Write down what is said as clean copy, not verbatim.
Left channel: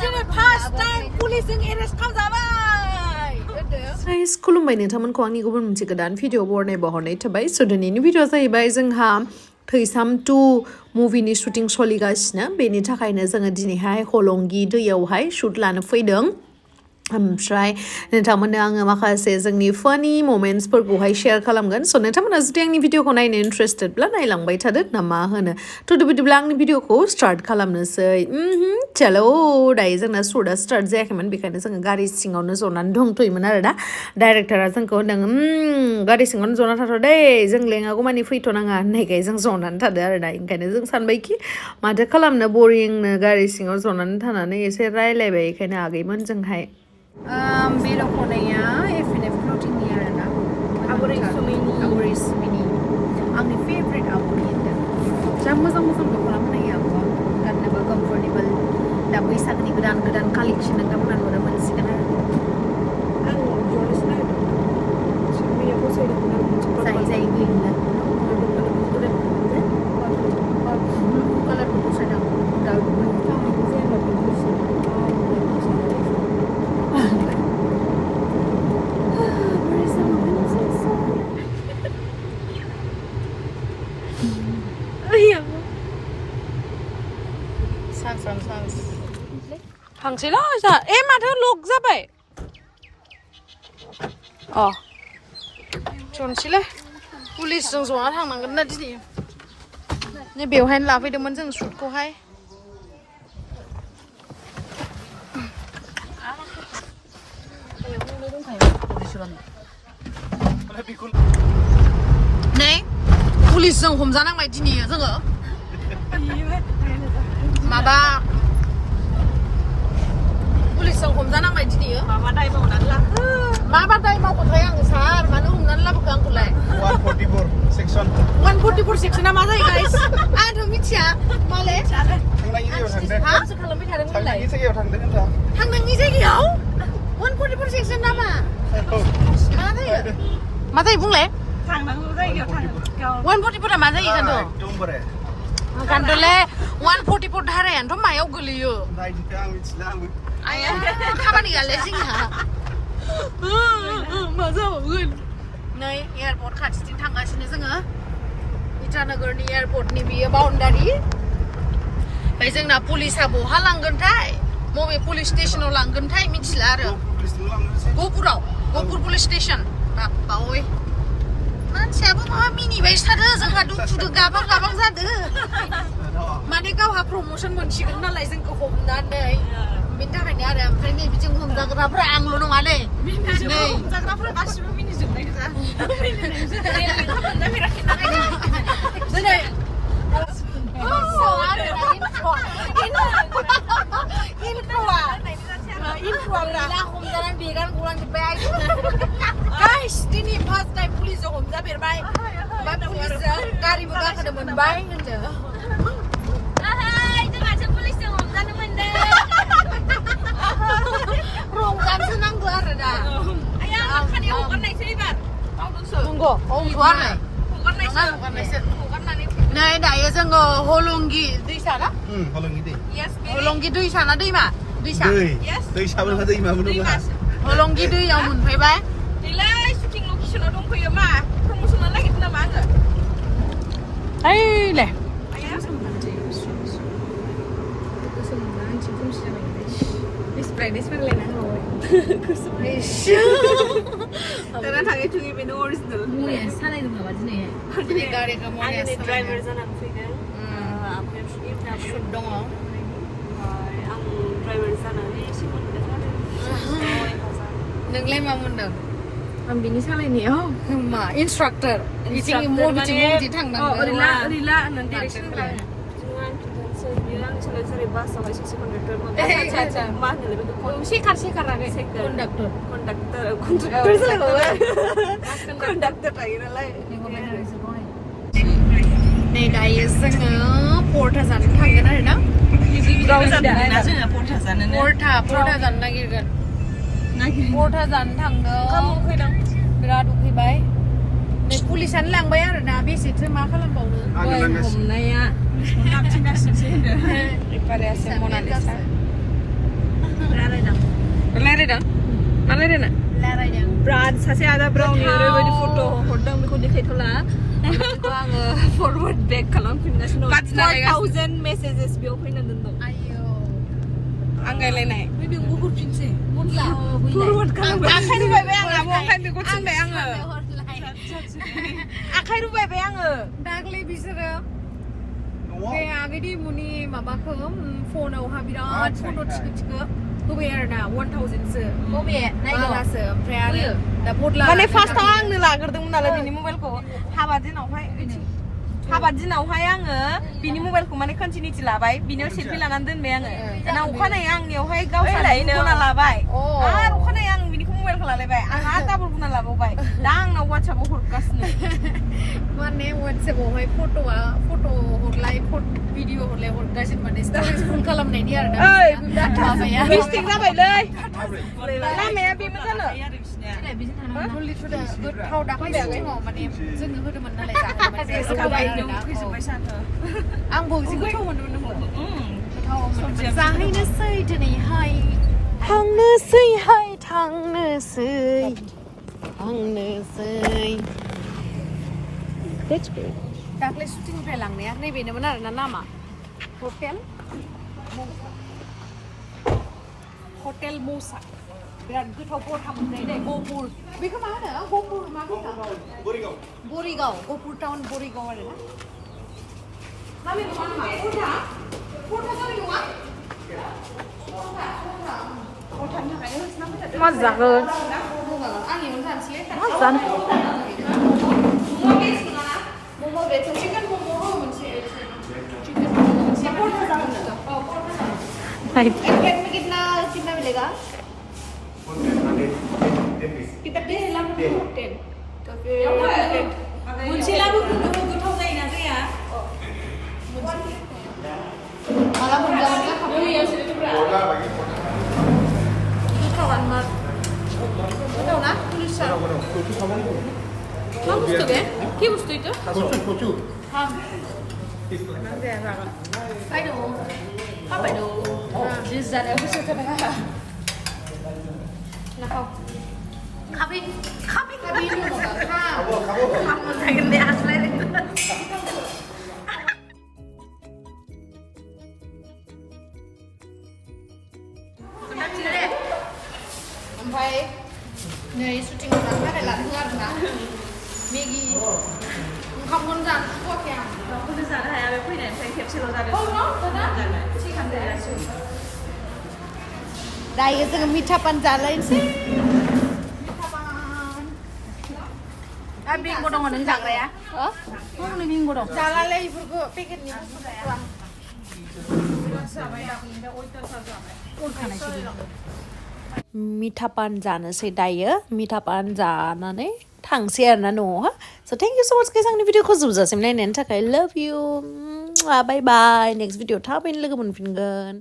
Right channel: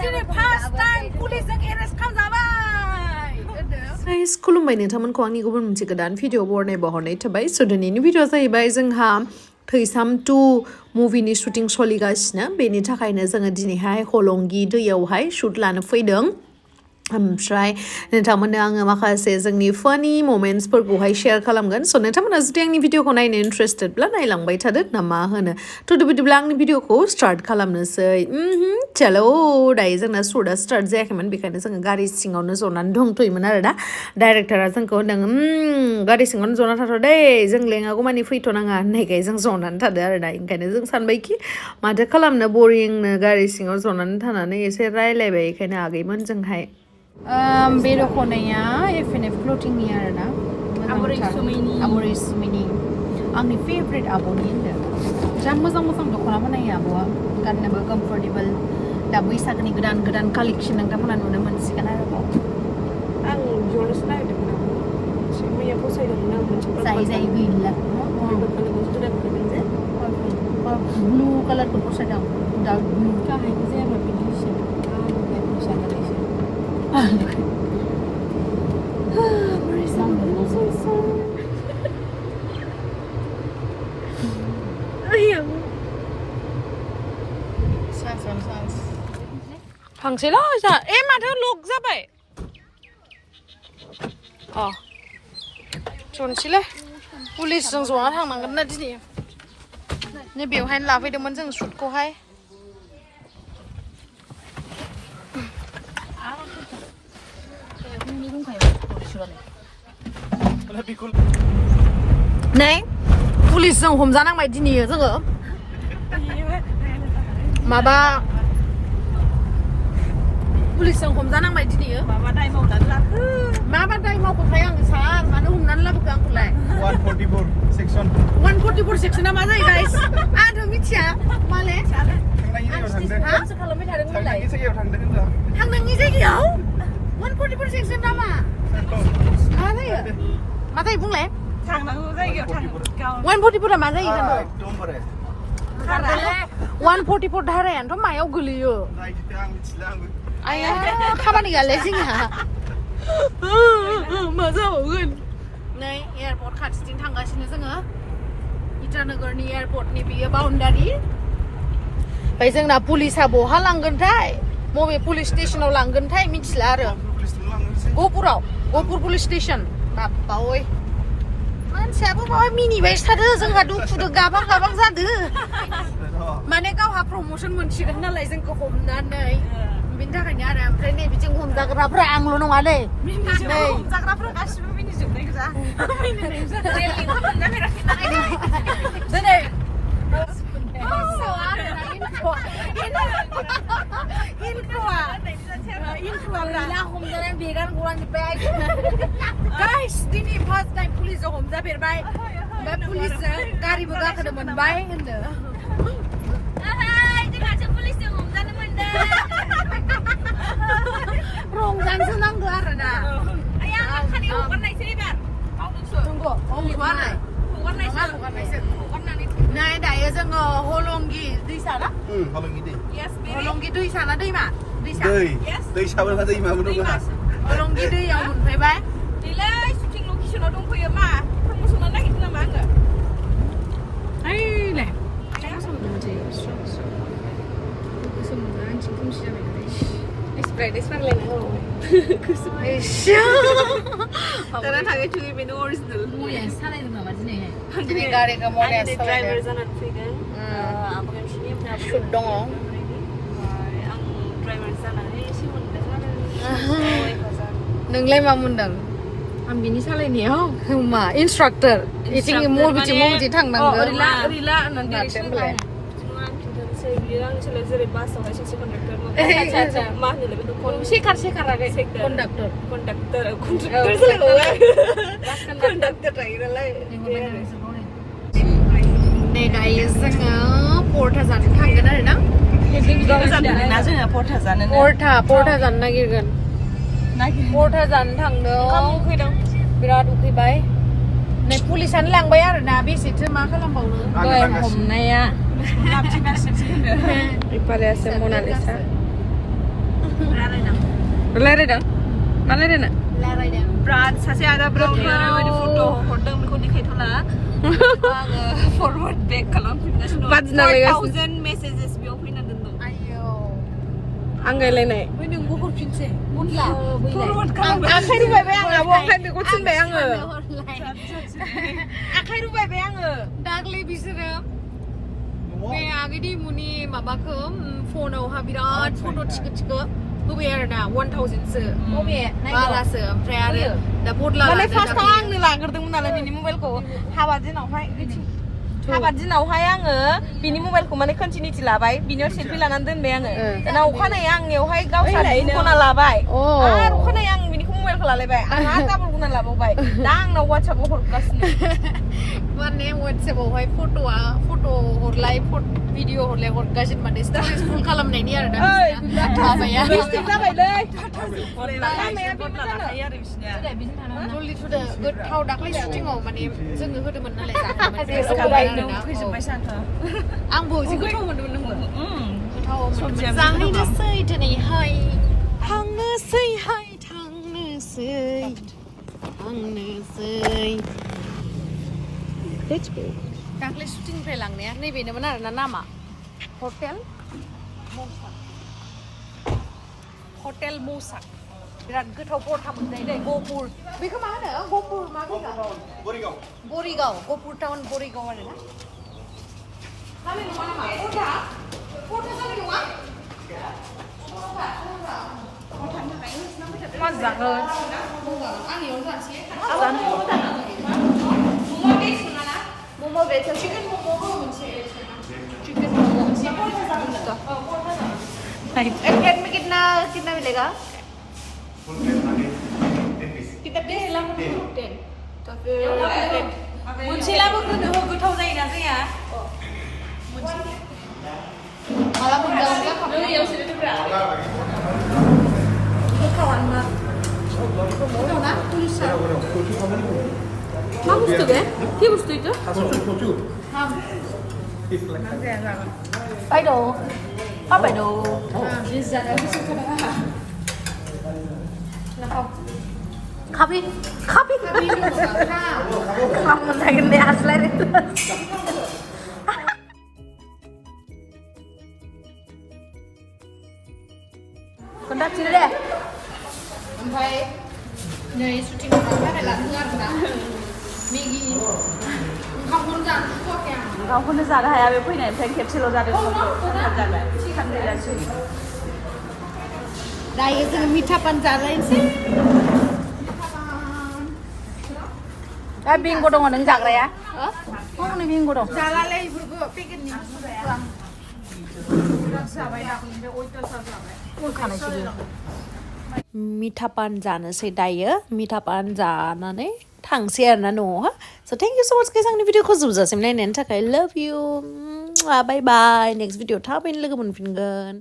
दिनै first time पुलिसजों arrest खालामजाबाय guys खुलुमबाय नोंथांमोनखौ आंनि गुबुन मोनसे गोदान भिडिअ बरनायबावहरनाय थाबाय स' दिनैनि भिडिअ जाहैबाय जोंहा थैसाम 2 मुभिनि शुटिं सोलिगासिनो बेनि थाखायनो जोङो दिनैहाय हलंगि दैयावहाय शुट लानो फैदों ओमफ्राय नोंथांमोननो आङो माखासे जोंनि फानि मोमेन्ट्सफोरखौहाय शेयार खालामगोन स' नोंथांमोना जुदि आंनि भिडिअखौ नायनो इन्ट्रेस्टेडब्ला नायलांबाय थादो ना मा होनो थ' बिदिब्ला आंनि भिडिअखौ स्टार्ट खालामनोसै चलो दायो जोंना शुटआ स्टार्ट जायाखैमोन बेखायनो जोङो गारि सिङावनो जनानै दंथ'योमोन आरो दा डाइरेक्टरा जोंखौ होनदों गारि सिङावनो जना थाथ' दे जों लेङागौ मानि फैथ'नाङा होननायखाय जों जनानै थादो आरो दा ओंखायनो जों सानबायखि माथो खालामनो बरिंनो गारि सिङाव जनानै थानानै एसे रायलायबाय बेखायनो आगैमोनजोंहाय बे दख'नाया एफ क्लथिंनि आरोना आबरिसुमिनि आंनि फेभरेट आब'नि जा मोजां मोजां दख'ना बनायो आब'आ गाननोबो कम्फर्टेबल दा बैसागोनि गोदान गोदान कालेक्सन नोंथांमोना नुनो मोनसिगोन आरो आं ज'नोसो नागिरदोंमोन मैया फसायदोंमोन आं मोनसे जाय जाय गैला ब्लु कालारखौ फसायदों डार्क ब्लु जानायखौ जायाबा बिनि एसे थांसैल' जा माथो लक जाबाय जनसैलै पुलिसजों जना थांनांगोन ना दिनै नै बेवहायनो लाफैदोंमोन जों शुटखौहाय नै पुलिसजों हमजानांबाय दिनै जोङो माबा पुलिसजों हमजानांबाय दिनै माबा दाय मावनानै लाबो माबा दाय मावखोथाय आङो सार मानो हमनानै लाबोखो आंखौलाय 144 सेक्सना मा जायो गाइस आंथ' मिथिया माले थांनायनि जायगायाव 144 सेक्सन नामा मा जायो मा जायो बुंलाय थांनांगौ जायगायाव 144 मा जायो गानदले 144 धारायानोथ' मायाव गोलैयो खामानि गैयालै जोंहा नै एयारपर्ट खाथिथिं थांगासिनो जोङो इटानगरनि एयारपर्टनि बियो बाउन्डारि ओमफ्राय जोंना पुलिसा बहा लांगोनथाय बबे पुलिस स्टेसनाव लांगोनथाय मिथिला आरो गहपुर पुलिस स्टेसन बाप्पा ओइ मानसियाबो माबा मिनिबायसो थादो जोंहा दुखुदो गाबां गाबां जादो माने गावहा प्रमोसन मोनसिगोन नालाय जोंखौ हमनानै बेनि थाखायनो आरो ओमफ्राय नै बिजों हमजाग्राफ्रा आंल' नङालै हमजाग्राफ्रा गासिबो मिनिजोबनाय गोजा दिनै दिनै फार्स्ट टाइम पुलिसजों हमजाफेरबाय ओमफ्राय पुलिसजों गारिबो गाखोनो मोनबाय होनदों रंजानोसो नांगौ आरो दा नै दायो जोङो हलंगि दैसा ना हलंगि दैसा ना दैमा हलंगि दैयाव मोनफैबाय शुटिं लकेसनाव दंफैयोब्ला प्रमोसन नागिरदों नामा आङो ओइले दाना थाङै थुङै बेनो अरिजिनेल मरियानो सालायदों नामा दिनै गारिखौ मरियानो ड्राइभार जानानै फैदों शुट दङ आं ड्राइभार जानानै एसे मोनदों नोंलाय मा मोनदों आं बिनि सालायनायाव मा इन्सट्राक्टर बिथिं थांनांगौ ओरैला होननानै डिरेक्सन होलाय जेरै बासावहाय सासे कन्डाक्टर मा होनोलै बेखौ सेकार कन्डाक्टर थायो नालाय नै दायो जोङो परथा जानो थांगोन आरो ना जोङो परथा जानो नागिरगोन परथा जानो थांदों बिराद उखैबाय नै पुलिसानो लांबाय आरो ना बेसेथो मा खालामबावनो हमनाया Para hacer Mona Lisa. रायलायदों मा रायलायनो रायलायदों ब्राद सासे आदा ब्राउनि ओरैबायदि फट' हरदों बेखौ देखायथ'ला आङो फरवार्ड बेक खालामफिनगासिनो दं 4000 मेसेजेस बेयाव फैना दोनदों आयौ आं रायलायनाय नोंबो हरफिनसै फरवार्ड खालाम आखाइ रुबायबाय आं आब' ओमफ्राय बेखौ थिनबाय आङो आखाइ रुबायबाय आङो दाख्लै बिसोरो बे आगैनि मुनि माबाखौ फनावहा बिराद फट' थिखो होबाय आरोना 1000सो बारासो ओमफ्राय आरो दा बदला माने फार्स्टआव आंनो लाग्रोदोंमोन नालाय बिनि मबाइलखौ हाबा दिनावहाय आङो बिनि मबाइलखौ माने कन्टिनिउटि लाबाय बिनियाव सेल्फि लानानै दोनबाय आङो दाना अखानायै आंनियावहाय गावसारखौ गुना लाबाय आरो अखानायै आं बिनिखौ मबाइलखौ लालायबाय आं आरो डाबल गुना लाबावबाय दा आंनाव वाट्सएपआव हरगासिनो माने वाट्सएपआवहाय फट' हरलाय भिडिअ हरलाय हरगासिनो माने स्ट'रि फुल खालामनायनि आरोना माबाया गोथाव दाख्लै शुटिंआव माने जोंनो होदोंमोन नालाय आंबो जि गोथाव मोनदोंमोन नोंबो गोथाव जाहैनोसै दिनैहाय थांनोसै दाख्लै शुटिंनिफ्राय लांनाया नैबेनोमोन आरोना नामा हटेल मुसा बिराद गोथाव परथा मोननाय दे गहपुर बेखौ मा होनो गहपुर मा होनो बरिगाव गहपुर टाउन बरिगाव आरोना मा जागोन एक प्लेट में कितना मिलेगा कितना 10 तो फिर मोनसे लाबोग्रो नोङो गोथाव जायोना जाया माला मोनजागोन गोथाव ना पुलिसा मा बुस्थु बे কি बुस्थु itu बायद' जानायाव गोसो खोनाङा खाबि मोनजागोन दे हास्लायनो खोन्थाफिनो दे ओमफ्राय नै शुटिंआव थांनो थाखाय लादों आरोना मेगि ओंखामखौनो जानो सुखुवाखै आं गावखौनो जानो हाया बे फैनायनिफ्राय खेबसेल' जादों दायो जोङो मिठा पान जालायनोसै दा बिंग' दङ नों जाग्राया नों बिंग' दं जालालै बेफोरखौ पेकेटनि मिठा पान जानोसै दायो मिठा पान जानानै थांसै आरोना न'आवहा स' थेंक इउ स' माच गाइस आंनि भिडिअखौ जोबजासिम नायनायनि थाखाय लाभ इउ बाय बाय नेक्स्ट भिडिअ थाबैनो लोगो मोनफिनगोन